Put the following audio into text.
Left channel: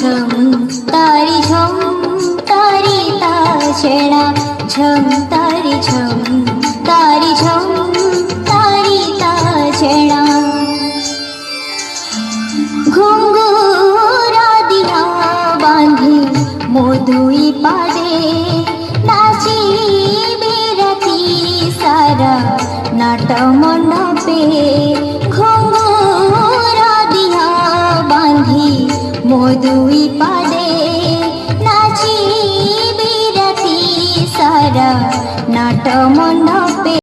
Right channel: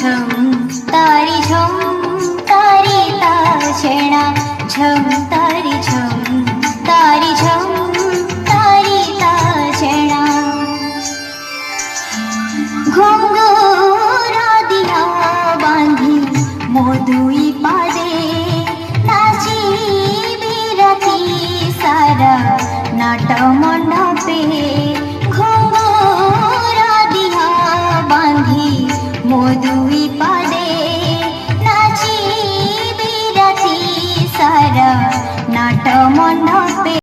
ঝম তারি ঝম তারি তা ছেড়া ঝম তারি ঝম তারি ঝম তারি তা ছেড়া ঘুঙ্গুরা দিয়া বাঁধে মধুই পাদে নাচিবে রাতি সারা নাট মণ্ডপে